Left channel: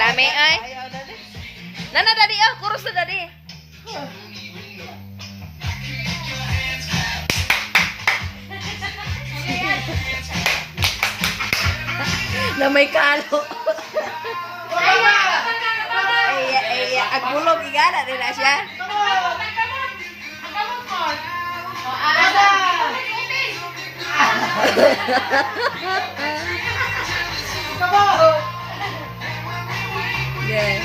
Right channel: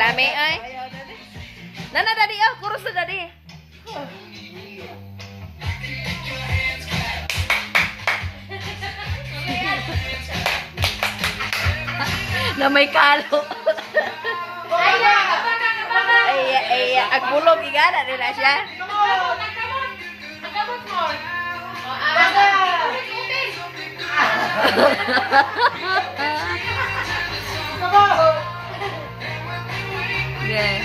lami ay. Nana dadi ah, kurus na dadi. Na may kalo. Ay, agbulog igana nila siya. Yeah.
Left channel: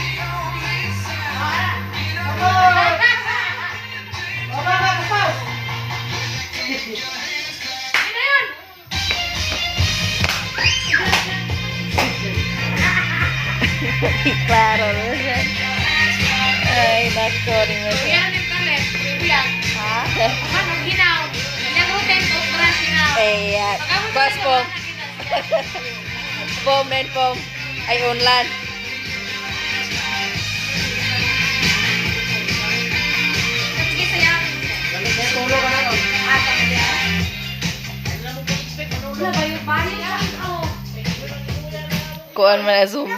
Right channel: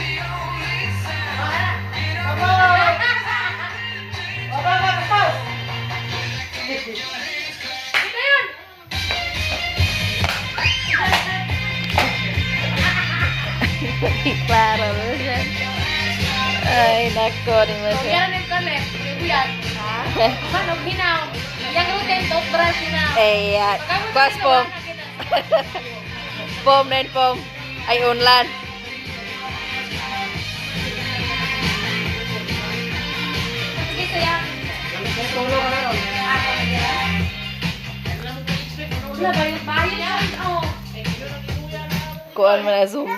Klaro na siya. Ay, nako, di mo siya. Eh, bas pom. Pom na pom. Ay, unlan. Kuan man na zumba.